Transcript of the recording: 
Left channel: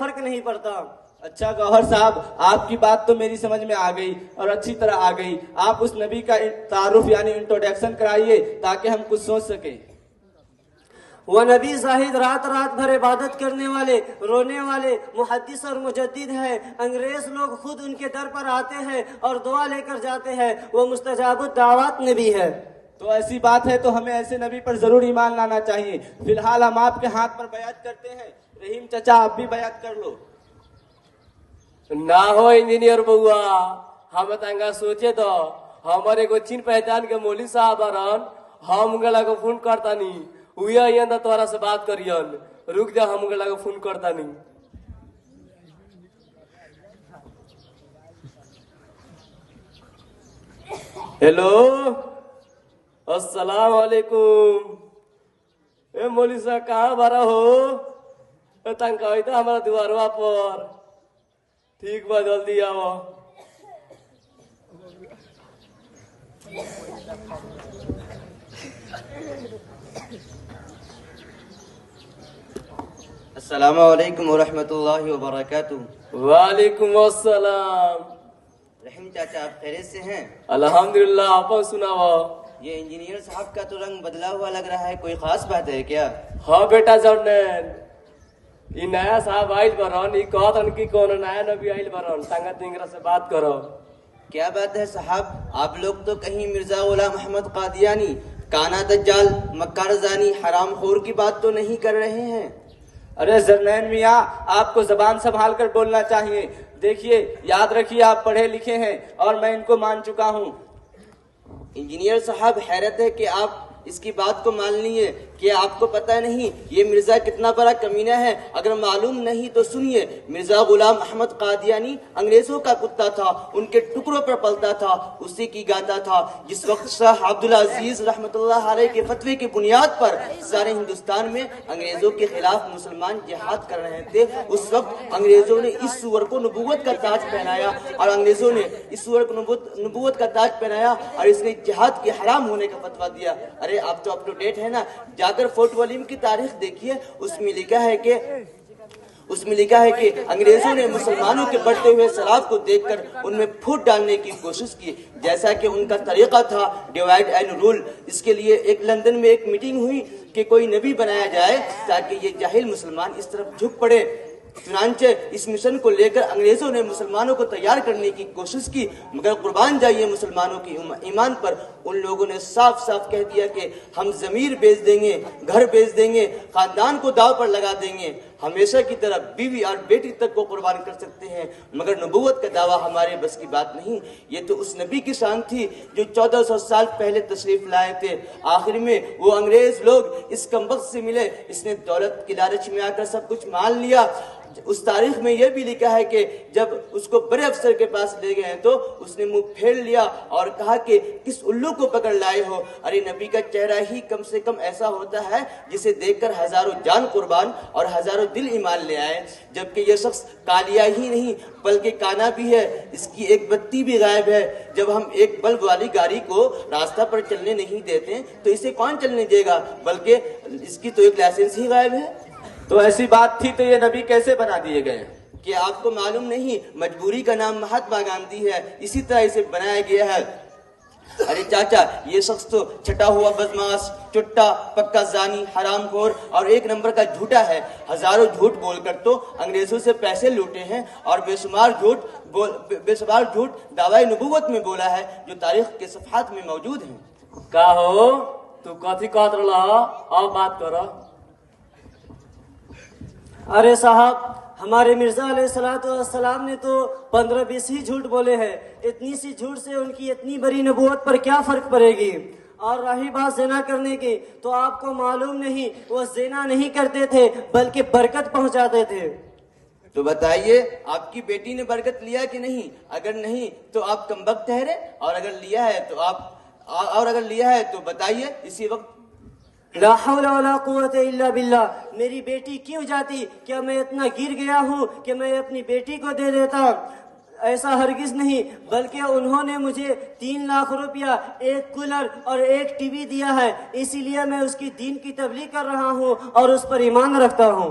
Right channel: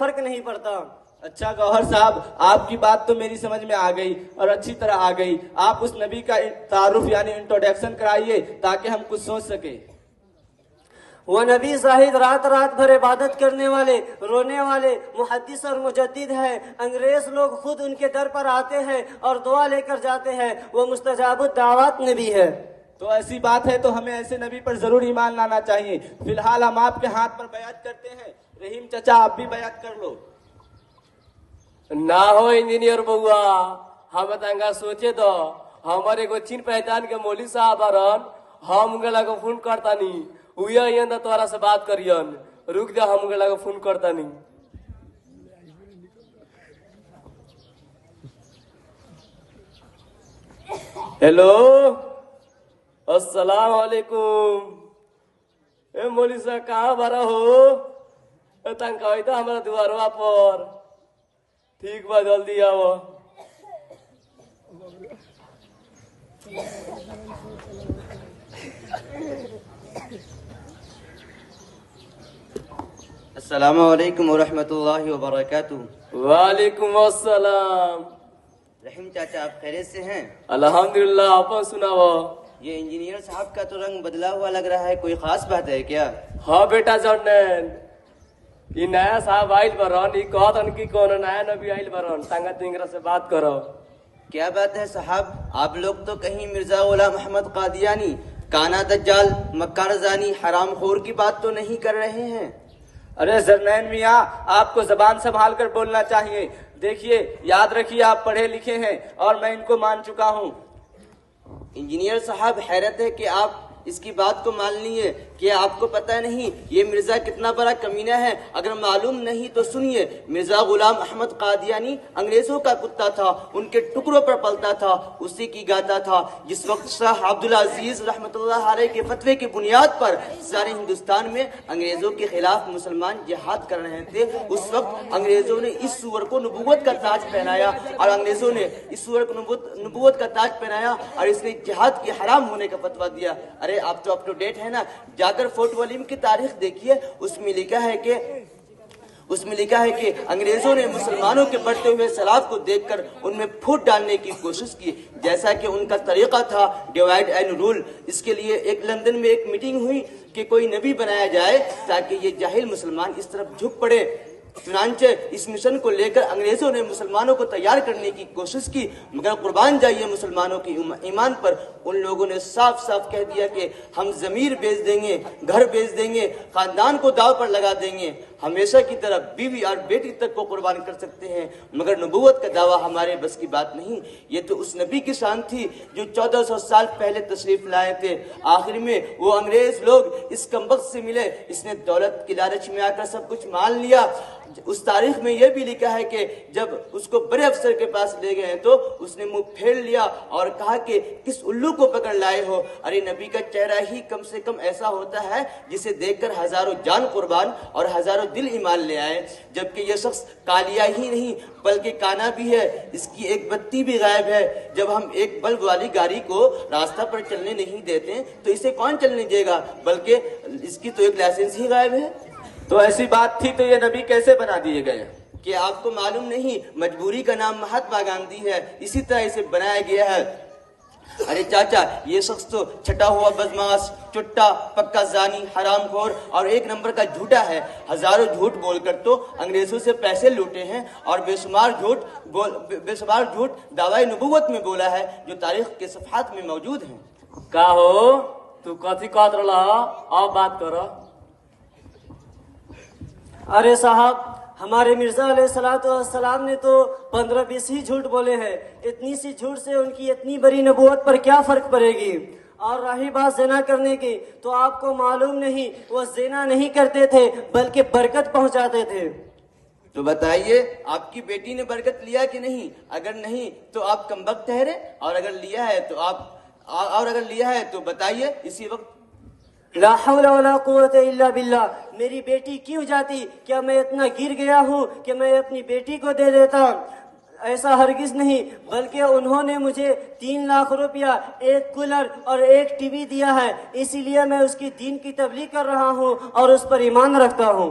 فرق نہیں پڑتا۔ اچھا گوہر صاحب، آپ کی بات تو میری سمجھ میں آ گئی اور اچھی طرح آ گئی۔ آپ اس نبی کا تعارف یعنی انٹروڈکشن کرائیے تاکہ ہم کچھ سوچ سکیں۔ وہ نبی زاہد رات رات بھر عبادت کرنے والے، رونے والے، محدث اور مجدد ہے۔ انگریز لوگ خود ان کے در پر آتے ہیں اور دعا لے کر جاتے ہیں۔ وہ مستجاب الدعوات نبی ہے۔ تو ایسی بات ہے تو ہمیں ایسے نبی پر ضرور ایمان لانا چاہیے۔ فی الحال ہم آپ کے ہاتھ پر بیعت کرتے ہیں۔ رحیم چچا آپ بھی بیعت کر لو۔ نہ ہو انجینئر بوا، ہم تنگا سوچے تو ہمارے کو چین پہچان کے مولوی صاحب آران، ہم گلا کو فون کرتا نہیں ہویا یہ تورا سے بات کریان، رک جا ہم گلا کو فون کرتا نہیں۔ ہیلو السلام علیکم، اے مولوی صاحب کہاں بارا ہو؟ تنگ ہوئی تھا ہمارا دواروا پر، ٹھیک با جلدی آو۔ السلام علیکم ورحمۃ اللہ وبرکاتہ۔ وعلیکم السلام۔ رحیم چاچا آپ خیریت سے ہیں؟ الحمدللہ، آپ سناو۔ یہ انجینئر صاحب کا تو رنگ بدلا ہوا لگ رہا ہے، کوئی خاص بات ہے کیا؟ ہاں بیٹا جنن، یہ نیا صاحب آئل برون، یہ کہت ان کی کون نیا نبی آئل برون، تنگا تنگرا سے بات کرو۔ کیا بات ہے صاحب، آپ لوگ تو کہیں مرزا غلام احمد قادیانی، کانا دجال، مکار زانی، حرام خور کی بات تو نہیں کر رہے ہیں؟ ارے زرنین میاں، آپ کو زبان سنبھال کر بولنا چاہیے۔ دیکھیے، یاد رکھیے آپ پڑھے لکھے ہیں اور میں ان کو مان چکا ہوں۔ انجینئر صاحب حیرت ہے کہ آپ اس کی بات کو مان لیے کہ آپ کو پتہ نہیں یہ مرزا کتنا بڑا کمینہ ہے۔ اگر معلوم نہیں تو سنیے، مرزا غلام احمد قادیانی انگریزوں کا کتا تھا، ان کے ٹکڑوں پر پلتا تھا، اسی کی گاتا تھا۔ جس وقت شاہ عبدالعزیز رحمۃ اللہ علیہ کے فتوے کی بنیاد پر سارے ہندوستان میں انگریزوں کے خلاف مسلمان جہاد کر رہے تھے، اس وقت انگریزوں نے اس سور کو نبوت کا تاج پہنایا، اور انگریزوں نے اس سور کو نبوت کا تاج پہنایا اور اس نے جہاد کے حرام ہونے کا فتویٰ دیا۔ ارے آپ تو اپ ٹو ڈیٹ ہے نا، جا کر فورٹ ولیم کی تاریخ دیکھیے، اس میں لکھا ہے کہ انگریزوں نے مسلمانوں کے بڑھتے ہوئے سیلاب کو دیکھ کر ان میں پھوٹ ڈالنے کی کوشش کی، جیسا کہ ان کا طریقہ تھا ڈیوائڈ اینڈ رول۔ اس کے لیے ایک لندن میں ایک میٹنگ ہوئی کہ کوئی نبی بنایا جائے تاکہ یہ جاہل مسلمان اس طرف جھک پڑے۔ چنانچہ اس مشن کو لے کر انگریزوں نے مسلمانوں کو تیار کرنے کی کوشش کی، مگر قربان جائیے مسلمانوں کی ایمان پر، ان لوگوں نے صاف صاف کہہ دیا کہ ہم ضمیر بیچ دیں گے، گھر بیچ دیں گے، خاندان کو داؤ پر لگا دیں گے، ہمیشہ کی طرح بیوی اور بیٹی تک کو قربان کر سکتے ہیں، مگر نبوت کا دعویٰ ہمارے بس کی بات نہیں۔ یہ تو اس نبی کی شان تھی جو 1400 سال پہلے تشریف لائے تھے۔ آخر میں وہ انگریز لوگ اس کمبخت سے ملے، اس نے دولت کی لالچ میں آ کر سب کچھ مان لیا۔ اس تاریخ میں یہ بھی لکھا ہے کہ جب اس کو بڑے افسر کے پاس لے گئے تو اس نے منہ پھیر لیا اور کہا کہ کس الو کو پکڑ لائے ہو؟ ارے نبی کا چہرہ ہی کم سے کم ایسا ہوتا ہے جسے دیکھ کر ہزاروں جان قربان اور ہزاروں دل ایمان لے آئے، جبکہ یہ شخص کالیا ہی نہیں بلکہ کانا بھی ہے، اس کی ایک بتی بھی غائب ہے۔ جب ہم ایک بلب والی گاڑی کو راستہ پر چلنے نہیں دیتے تو اسے کون چلنے دے گا، بلکہ اس کی تو ایک لائسنس ہی غائب ہے۔ تو ایسی بات تھی تو یہ نبی کیسے بنا دیے گئے؟ کہ آپ کو معلوم نہیں، مجبوری کا نام مہاتما گاندھی ہے، اسی طرح اسے بنایا گیا ہے۔ ارے چاچا، یہ شخص تو چھٹا ہوا بدماش، چٹا، پکا زانی، حرام خور اور ایک نمبر کا جھوٹا ہے۔ ہزاروں جھوٹ بول کر تو انگریزوں سے پیسے لوٹے ہیں اور بے شمار جھوٹ دعوی نبوت میں بولا ہے جو تاریخ کے صفحات میں موجود ہیں۔ کا ہو تو کتھی کہت رہا؟ اور بات کرو۔ ارے صاحب، ہمارے مرزا علیہ السلام نے تو 15-20 ہی جھوٹ بولے ہیں، اتنی سی جھوٹ سے ان کی اتنی بڑی نبوت پر کیا فرق پڑے گی؟ اور رہی بات زنا کرنے کی تو آپ کو معلوم نہیں، وہ زنا نہیں کرتے تھے بلکہ برکت پہنچاتے تھے۔ تو بتائیے آپ کی بیٹی نے برکت لیا کہ نہیں؟ اگر نہیں تو آپ کمبخت ٹھہرے، اور اگر لیا ہے تو بتائیے اسی وقت۔ لا حول ولا قوت الا باللہ، میری بیٹی کیوں جاتی؟ کیا میں اتنا گر گیا ہوں کہ میں اپنی بیٹی کو دے دیتا؟ ایسا ہرگز نہیں، بلکہ انہوں نے مجھے 3 لاکھ روپیہ، ایک کولر اور ایک ٹی وی دیا ہے، اسی لیے میں اس کی دین کی تبلیغ کر رہا ہوں اور اس پر ایمان رکھتا ہوں۔